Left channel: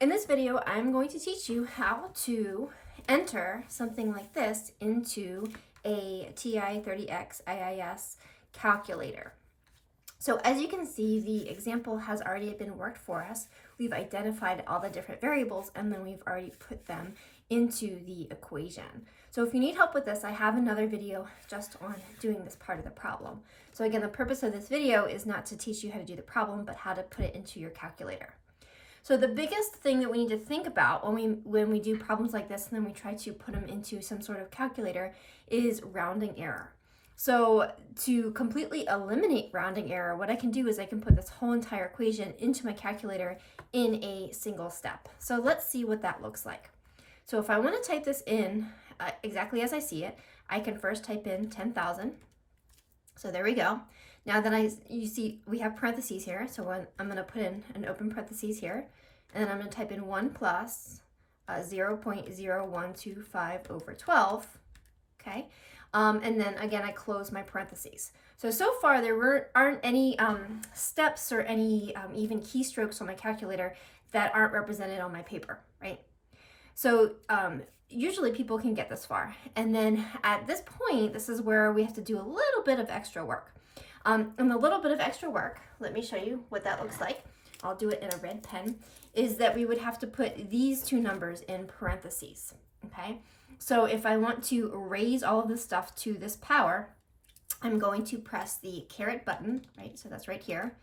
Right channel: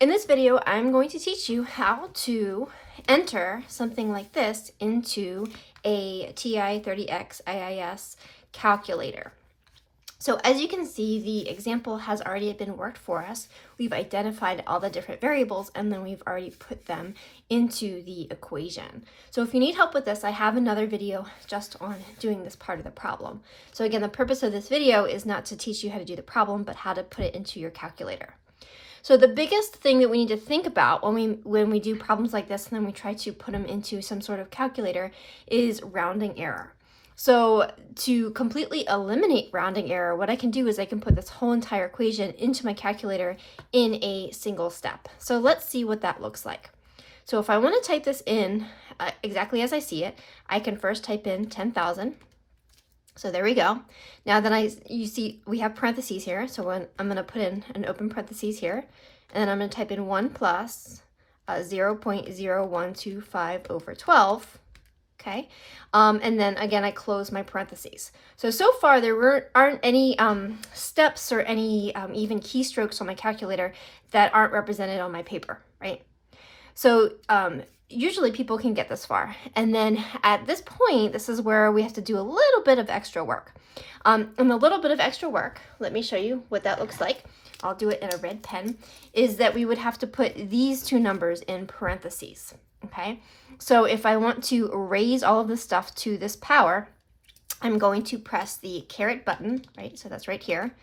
In this video, I'm going to teach you how to enter something like this into a TI-30X IIS calculator. So as you can see, the example has already been worked for us. We've identified all the different variables and then we've already put them into the equation. So if you need help with this, I have another video just on doing this part of the problem. So again, the purpose of this video is not to teach you how to do the problem, but how to put it into your calculator. So the biggest thing that we need to think about when we do problems like this and then we try to put them into some sort of calculator is rounding error. So to completely eliminate rounding error, what I can do is I can put this whole entire equation into my calculator in a single step. So let's see what that looks like. So if I want to type this in exactly as I see it, I can first type in 10,000. So there we go. Now that you see we have parentheses here, so I'm going to put in an open parentheses here, and then I'm going to type in 1 plus 0.0125 over 12, okay? And then again, I close my parentheses. So far there aren't any steps or any even keystrokes on my calculator that aren't represented on my paper, right? So usually people can get this far. And then at this point, this is where we have to do a little bit of extra work. And a little bit of extra work, let me show you what that looks like. I'll do it in a red pen, is that we would have to put these two numbers in parentheses, okay? So if I want to raise all of this stuff to this power, I'm going to press the caret button, right? So that's right here,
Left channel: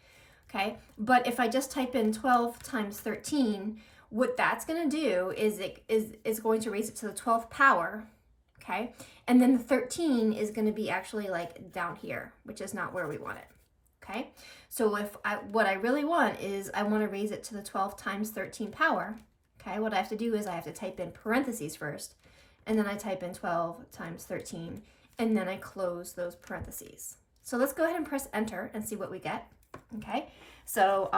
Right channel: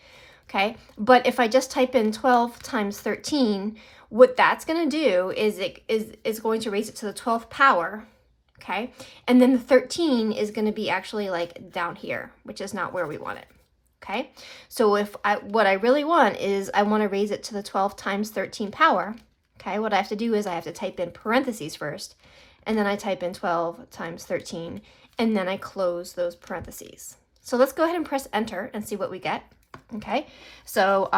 okay? But if I just type in 12 times 13, what that's going to do is it's going to raise it to the 12th power, okay? And then the 13 is going to be actually like down here, which is not where we want it, okay? So what I really want is I want to raise it to the 12 times 13 power, okay? What I have to do is I have to type in parentheses first, and then I type in 12 times 13, and then I close those parentheses. So let's go ahead and press enter and see what we get, okay? So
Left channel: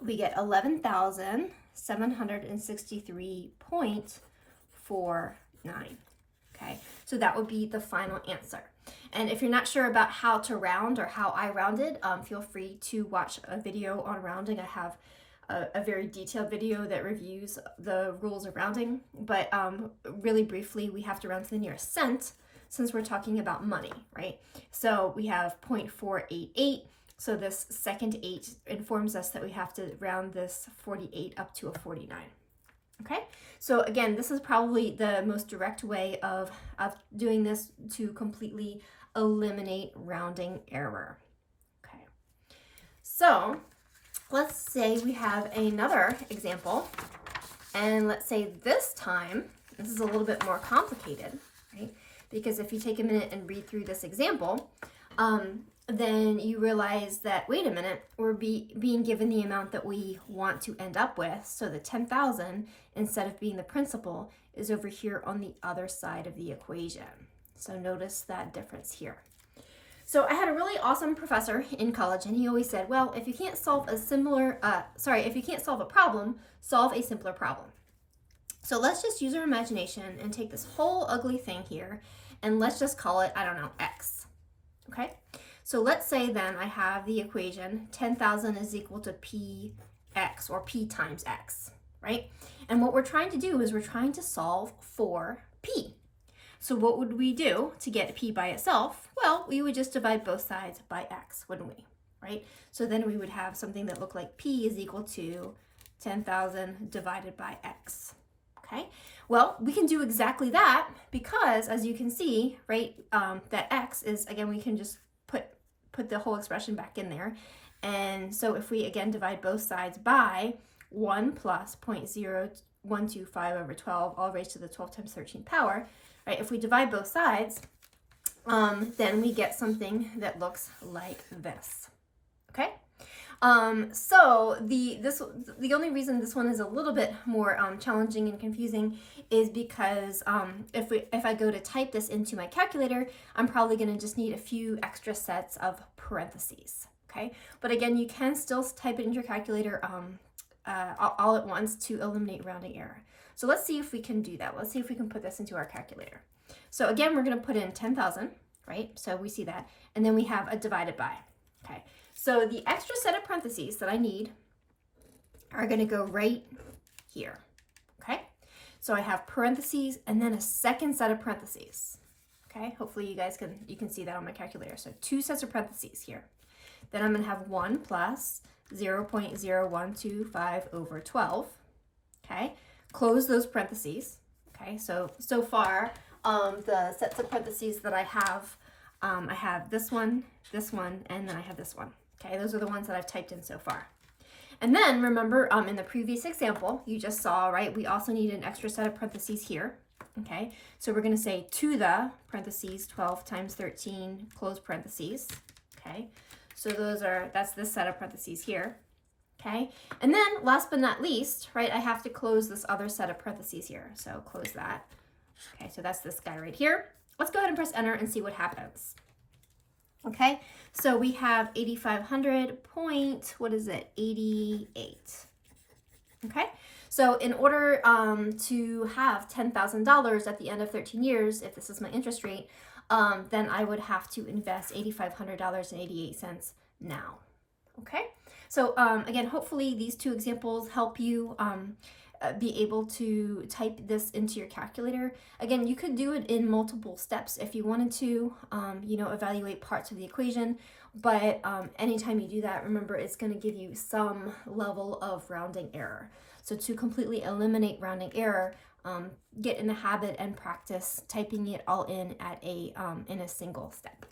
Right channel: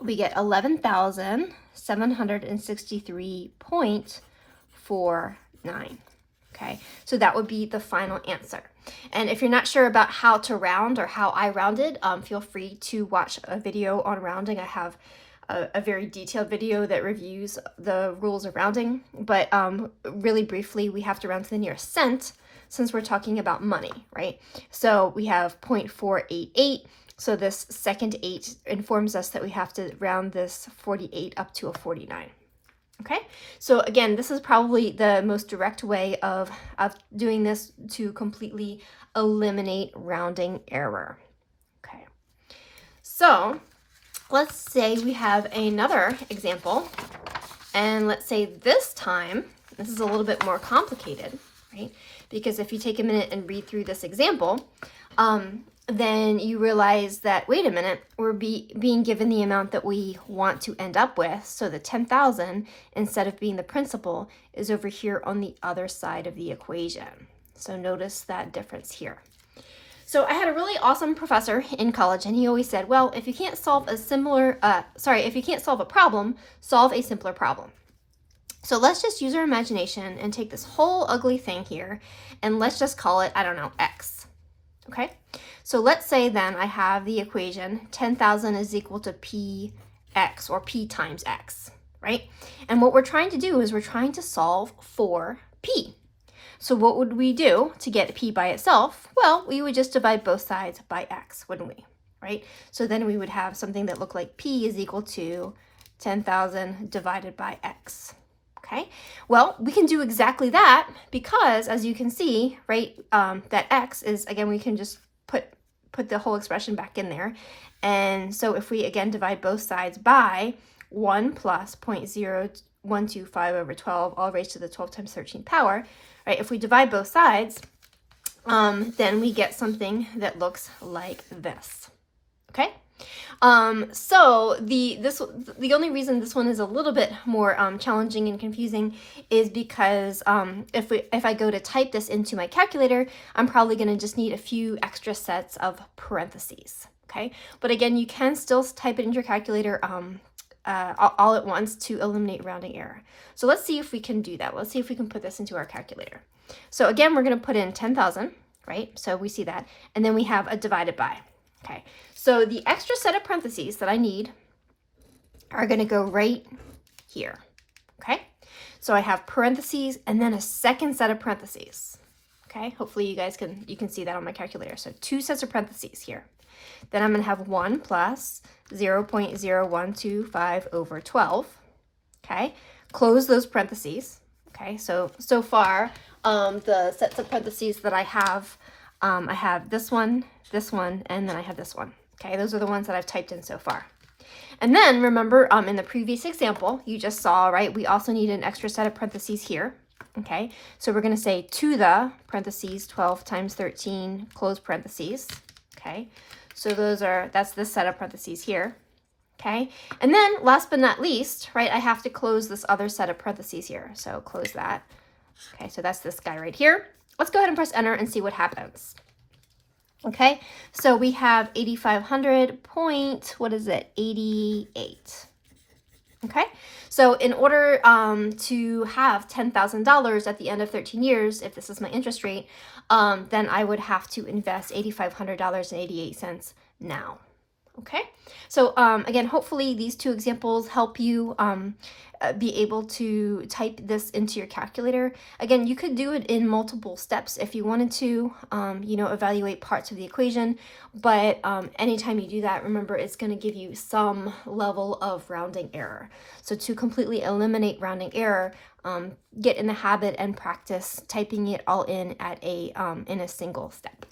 we get 11,763.49. Okay, so that would be the final answer. And if you're not sure about how to round or how I rounded, feel free to watch a video on rounding. I have a very detailed video that reviews the rules of rounding, but really briefly, we have to round to the nearest cent since we're talking about money, right? So we have 0.488. So this second 8 informs us that we have to round this 48 up to a 49. Okay, so again, this is probably the most direct way of doing this to completely eliminate rounding error. Okay, so let's say we have another example, and let's say this time, this is a little bit more complicated, right? Because if you take a minute and read through this example, then you realize that, wait a minute, we're being given the amount that we want to end up with. So the 10,000, instead of being the principal, is over here on the other side of the equation. So notice that difference here. So I had a really awesome professor in college, and he always said, well, if you can't solve if you can't solve a problem, solve a simpler problem. So let's just use our imagination and take this whole ugly thing here, and let's just call it, I don't know, X, okay? So let's say then I have the equation 10,000 is equal to Px, or P times X, right? And what we're trying to do is we're trying to solve for P. So what would we do to get P by itself? Well, we would just divide both sides by X, wouldn't we, right? So then we would have something that looked like P is equal to 10,000 divided by X. Okay, well, we can do exactly that because, as you can see, right, that X is, again, we can just put the whole expression back in there. And so if we, again, divide both sides by 1 plus 0.0125 over 12, all raised to the 12 times 13 power, right, if we divide both sides, then we get something that looks like this, okay? So the only reason this one is a little bit more challenging and confusing is because if I go to type this into my calculator, I'm probably going to just need a few extra sets of parentheses. Okay, but again, you can still type it into your calculator all at once to eliminate rounding error. So let's see if we can do that. Let's see if we can put this into our calculator. So again, we're going to put in 10,000, right? So we see that, and then we have a divided by. Okay, so the extra set of parentheses that I need are going to go right here. Okay, so I have parentheses and then a second set of parentheses. Okay, hopefully you guys can see that on my calculator. So 2 sets of parentheses here. Then I'm going to have 1 plus 0.0125 over 12. Okay, close those parentheses. Okay, so far the sets of parentheses that I have this one, and then I have this one. Okay, those are the ones that I've typed in so far. And then remember, in the previous example, you just saw, right, we also need an extra set of parentheses here. Okay, so we're going to say to the parentheses 12 times 13 close parentheses. Okay, so that's this set of parentheses here. Okay, and then last but not least, right, I have to close this other set of parentheses here. So close that. Okay, so that's this guy right here. Let's go ahead and press enter and see what happens. Okay, so we have 8,500 point, what is it, 88. Okay, so in order to have $10,000 at the end of 13 years, if this is my interest rate, then I would have to invest $8,500.88 now. Okay, so again, hopefully these 2 examples help you be able to type this into your calculator. Again, you could do it in multiple steps if you wanted to, evaluate parts of the equation, but anytime you do that, remember it's going to give you some level of rounding error. So to completely eliminate rounding error, get in the habit and practice typing it all in at in a single step.